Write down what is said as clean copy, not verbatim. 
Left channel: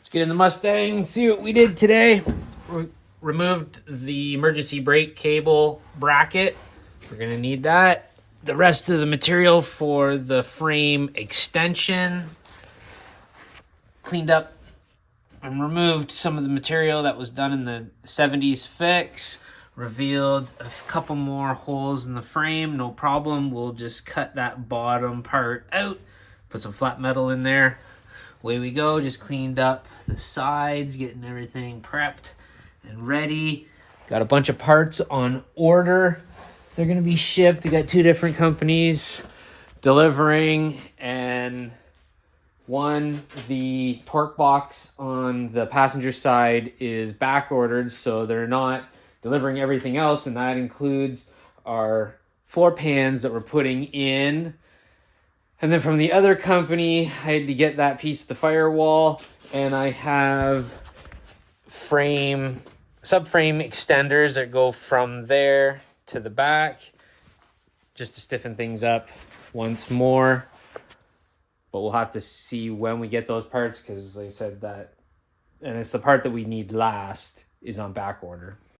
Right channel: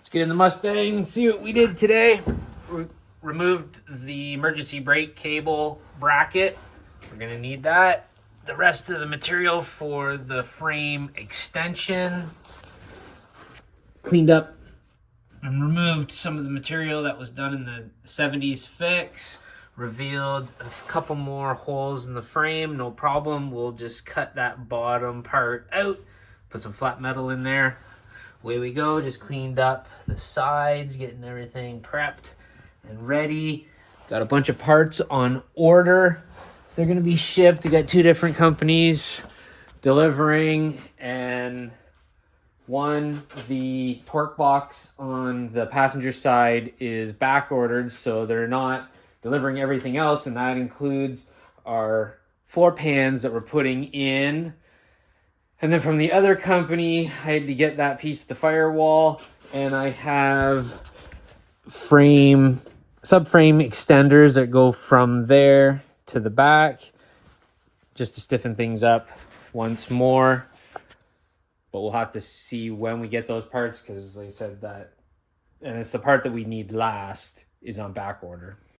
Let's get in the Mustang and see what we did today. We removed the emergency brake cable bracket. We're gonna need that. The rest of the material for the frame extension. Cleaned up and removed some of the material that was done in the 70s fix. Revealed a couple more holes in the frame, no problem. We'll just cut that bottom part out, put some flat metal in there. Away we go. Just cleaned up the sides, getting everything prepped and ready. Got a bunch of parts on order. They're gonna be shipped. We got two different companies delivering, and one, the torque box on the passenger side is back ordered, so they're not delivering everything else, and that includes our floor pans that we're putting in. And then from the other company, I had to get that piece of the firewall, and I have subframe extenders that go from there to the back, just to stiffen things up once more. But we'll have to see when we get those parts, because like I said, that, and it's the part that we need last, is on back order.